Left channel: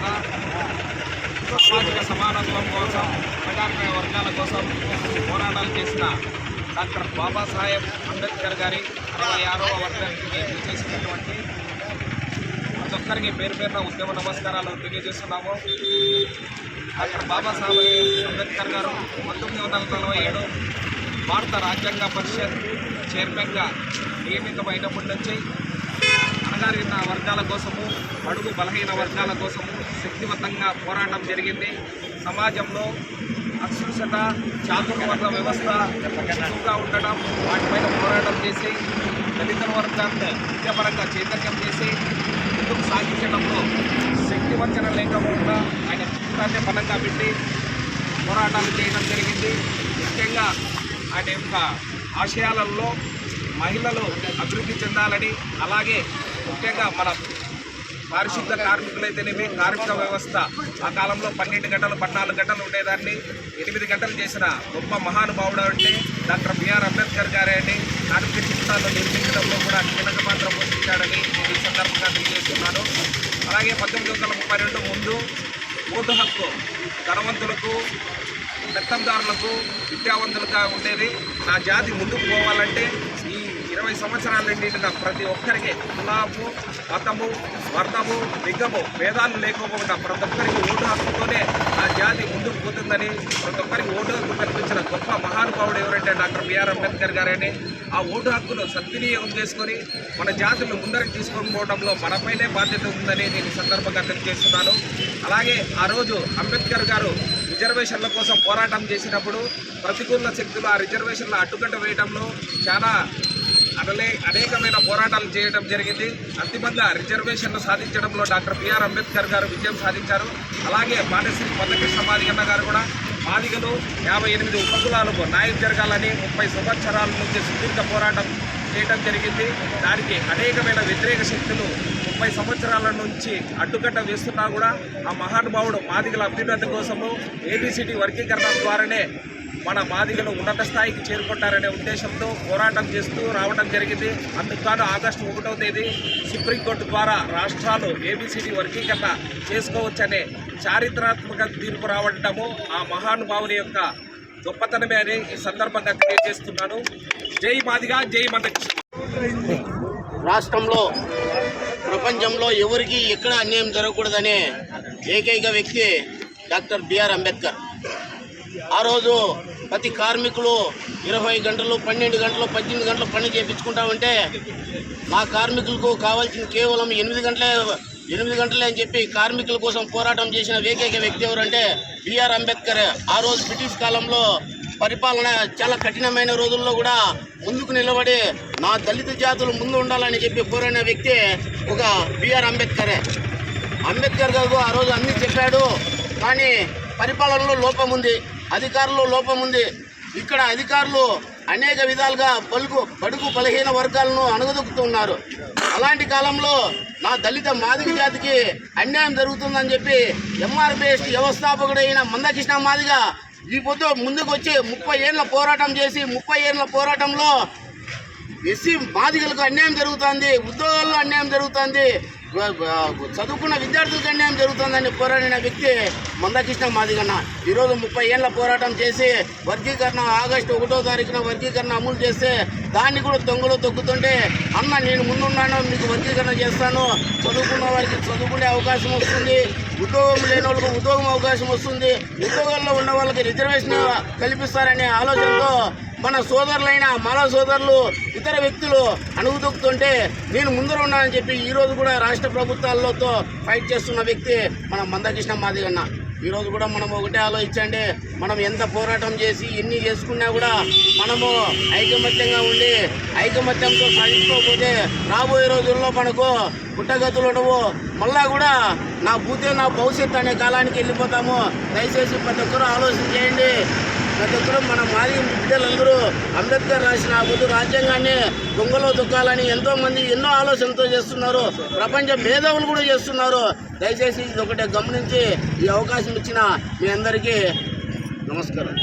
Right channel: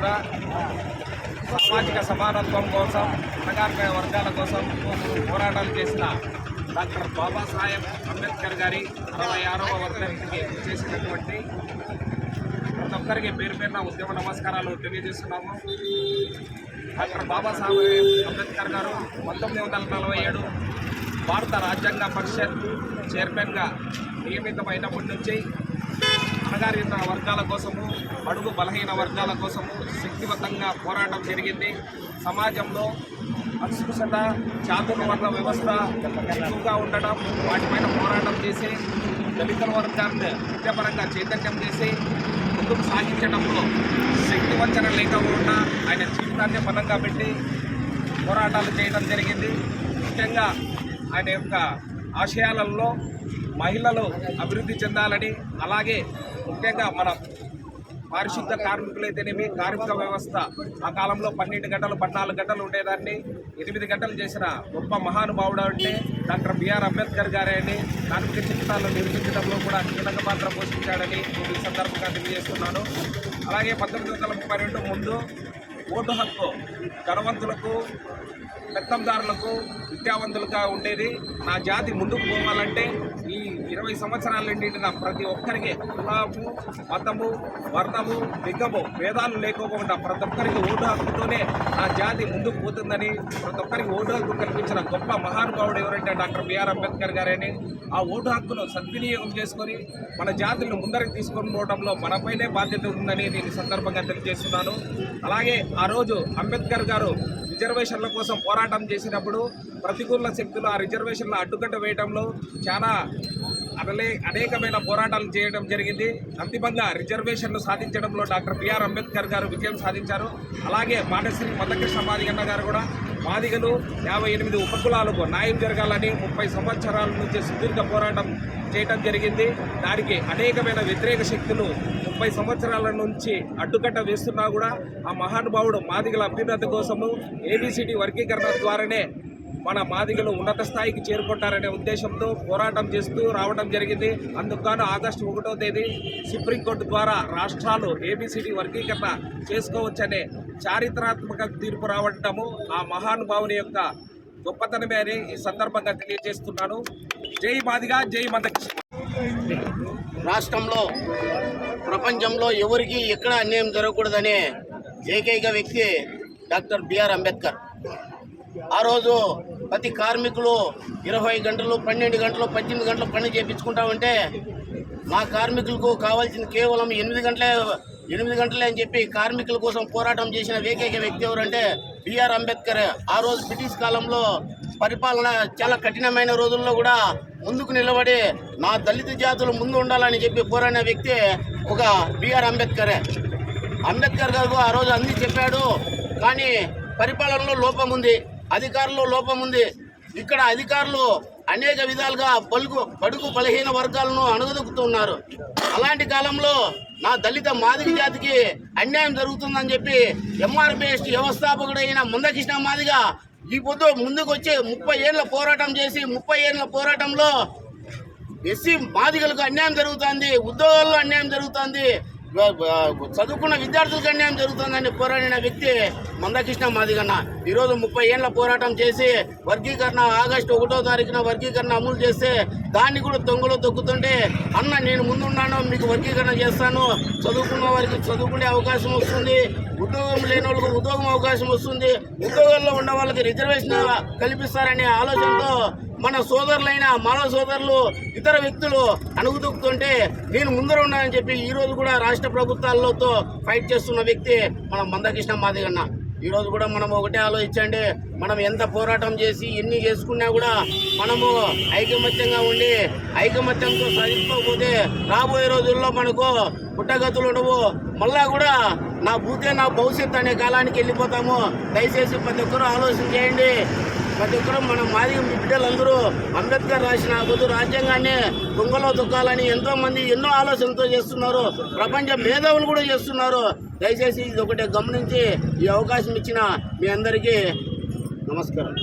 సందర్భంగా సామాజిక సమానత్వం కోసం, అణగారిన వర్గాల కోసం పోరాటాలు చేసిన డాక్టర్ బాబాసాహెబ్ అంబేద్కర్ గారి 66వ వర్ధంతికి చేసినటువంటి ప్రతి ఒక్కరికి పేరు పేరున ఉద్యమ నమస్కారాలు తెలియజేస్తున్నాము. డాక్టర్ బాబాసాహెబ్ అంబేద్కర్ గారు 1947 భారత రాజ్యాంగ పరిషత్ చైర్మన్గా నియమితమైనప్పటి నుంచి అణగారిన వర్గాల కోసము, బడుగు బలహీన వర్గాల కోసము శక్తివంతంగా పోరాటం జరిగింది. సమాజంలో అస్పృశ్యత, చాతుర్వర్ణ వ్యవస్థ ఎక్కువగా ఉండడం, వాటిపైన పోరాటం చేసి దళిత వర్గాన్ని విద్యాపరంగా చైతన్యం చేసి ముందుకు సాగించడంలో శక్తివంచన లేకుండా ఆయన జీవితాన్ని బలంగా పెట్టి పోరాటాలు చేయడం జరిగింది. ముఖ్యంగా ఆయన యొక్క ఆశయాలలో మహిళలు అభివృద్ధి చెందాలని, అలాగే ముఖ్యంగా మన పారిశుద్ధ కార్మికులైతేనేమి కార్మిక వ్యవస్థ ఆ కాలంలో 12 గంటలు 14 గంటలు ఉండేదాన్ని 8 గంటలు చేసిన గొప్ప మహానుభావుడు అంటే డాక్టర్ బిఆర్ అంబేద్కర్ గారే అని, కార్మిక చట్టాలను నిర్మించడంలో కూడా కీలక పాత్ర పోషించాడని నేను ఈ సందర్భంగా తెలియజేస్తున్నాను. అలాగే 1932 ముందు ఓటు హక్కు ధనవంతులకు, పెత్తందారులకు, విద్యావంతులుగా ఉండేది. నా జాతి ముందుకు పోవాలంటే ఈ 20 సంవత్సరాల నిండిన ప్రతి ఒక్కరికి కులము, మతము, వర్ణము, లింగము భేదాలు లేకపోకుండా ప్రతి ఒక్కరికి ఓటు హక్కుతోనే నా జాతి ముందుకు పోతుందని, ప్రతి ఒక్కరికి ఓటు హక్కు కల్పించిన గొప్ప మహానుభావుడు ఎవరంటే డాక్టర్ బిఆర్ అంబేద్కర్ గారని. ఆ ఓటు హక్కును సద్వినియోగం చేసుకొని మన జాతిని ముందరికి తీసుకొని పోవడంలో మనపైనే బాధ్యత ఉందని నేను ఈ సందర్భంగా తెలియజేస్తున్నాను. అలాగే ఆ రోజు అంబేద్కర్ గారు రిజర్వేషన్ల కోసం పోరాటం చేసినప్పుడు ప్రతికూల శక్తులు ఆ రిజర్వేషన్ల అడ్డుకట్ట వేయడంలో చాలా అనేకమైన పోరాటాలు చేయడం జరిగింది. అంతిమంగా రిజర్వేషన్లు సాధించడంలో డాక్టర్ బిఆర్ అంబేద్కర్ గారు విజయం సాధించారు. అలాగే మానశ్రీ మందకృష్ణ మాదిగన్న గారు కూడా మాదిగలు 58 ఉపకులాలకు న్యాయం జరగాలని 30 సంవత్సరాల నుంచి సుదీర్ఘ పోరాటం చేయడం జరిగింది. దానికి అనేకమైన వ్యతిరేక శక్తులు 30 సంవత్సరాల నుంచి అడ్డుకట్ట వేస్తున్నా కూడా ఆ మహానుభావుడు మాదిగల అభ్యున్నతి కోసము ఏబిసిడి వర్గీకరణ ద్వారానే మన మాదిగలు ఉన్నత స్థాయికి చేరుకుంటారనే ఉద్దేశంతో పోరాటం చేస్తూ రావడం జరిగింది. అందుకు గాను ఆగస్టు 1వ తేదీ సుప్రీంకోర్టు ద్వారా రాష్ట్రాలు ఏబిసిడి వర్గీకరణ చేసుకోవచ్చనే చారిత్రాత్మక తీర్పు రావడము ఆ మహానుభావుని యొక్క గొప్పతనమే అని ఈ సందర్భంగా తెలియజేస్తున్నాను. జై మాదిగా, జై మందకృష్ణ. రాష్ట్రంలో ప్రపంచంలో ఎవరికి ఎక్కడ అన్యాయం జరగకూడదనే ఏకైక వ్యక్తి డాక్టర్ బిఆర్ అంబేద్కర్. ఆ రోజు ప్రతి కార్మికులు 20 గంటలు, 12 గంటలు, 18 గంటలు పని చేయించుకుంటామంటే మా కార్మికులకు కావాల్సిన కేవలం 8 గంటలే అని చెప్పి కార్మికుల కోసం పోరాటం చేసిన ఏకైక వ్యక్తి ఎవరంటే బిఆర్ అంబేద్కర్. ఆ రోజు బ్రిటిష్ కాలంలో పరిపాలన చాలా కఠినమైన రోజుల్లో కూడా ముందుకు నిలబడి నా దళిత జాతులు ముందు ఉండాలని చెప్పి పోరాడిన వ్యక్తి ఒక బిఆర్ అంబేద్కరే. అంబేద్కర్ గారు ఆ రోజు అన్నీ చెప్పాడు, కానీ పరిపాలనలో లోపం ఉంది, అధికారుల్లో లోపం ఉంది. ఇక్కడ అధికారులు అనేక విధాలుగా బడుగు బలహీన వర్గాలను అణగదొక్కుతున్నారు. అలాంటి కాలంలో నా దళిత మాదిగ జాతికి అన్యాయం జరుగుతుందని చెప్పి ఎంఆర్పిఎస్ వ్యవస్థాపకుడైన మందకృష్ణ మాదిగ ఈ పొద్దు ముందుకు వచ్చి 30 ఏళ్ళ పోరాటం చేసి 30 ఏళ్ళ పోరాటంలో ఎస్సీ మాదిగలకు అన్యాయం జరుగుతుంది, ఉద్యోగాల్లో అన్యాయం జరుగుతుంది, చదువుకున్న విద్యార్థులకు అన్యాయం జరుగుతుందని పోరాడిన వ్యక్తి మందకృష్ణ మాదిగన్న. ఈరోజు 30 ఏళ్ళ పోరాటం చేసి వర్గీకరణ ఆగస్టు 1వ తారీఖున వర్గీకరణ అమలు చేస్తే దాన్ని కూడా దొంగలో తొక్కుతుంటే అన్న నేను ముందున్నాను, మీకు వర్గీకరణ చేస్తాను, చదువుకున్న వారికి చదువుకునే అవకాశం వస్తుంది, ఉద్యోగం లేని వాళ్ళకు ఉద్యోగం అవకాశం వస్తుంది, ఉద్యోగాల్లో ఉన్న వాళ్ళకి రిజర్వేషన్ కల్పిస్తారనే ఆలోచనతో మన సోదరులైన మాల సోదరులు ఇతర వ్యక్తులు అణుగుదొక్కుతుంటే నేను ముందర ఉన్నానని చెప్పి ఈరోజు కూడా రాష్ట్ర ప్రభుత్వాలతో ఫైట్ చేస్తున్న వ్యక్తి మన మందకృష్ణ మాదిగన్న. ఈరోజు కూడా మనం ఒకటే ఆలోచించండి, మనం ఎంత పోరాటం చేసి ఎన్ని చేసుకున్నా కూడా మనము ఐకమత్యంగా ఉండి ఐకమత్యంతో సాధించుకోకపోతే రాబోయే రోజుల్లో మనకు పుట్టగతులు ఉండవు, మళ్ళా కూడా నా భూతే నా భవిష్యత్తు అనే కాలానికి వెళ్ళిపోతాము. దయచేసి ప్రతి ఒక్కరూ ఆలోచన చేయండి. ప్రతి ఒక్కరూ మన మాదిగ బిడ్డలందరూ అంబేద్కర్ రాసిన పొద్దు రాజ్యాంగాన్ని దొంగలో దొక్కాలని ఎంతోమంది ఎన్నో ఆలోచనతో చేస్తున్నారు, ప్రపంచ మేధావులు కూడా చేస్తున్నారు. దయచేసి ఇది ఒకటే గమనించి ఈ అవకాశం ఇచ్చిన మీ అందరికీ నమస్కారం.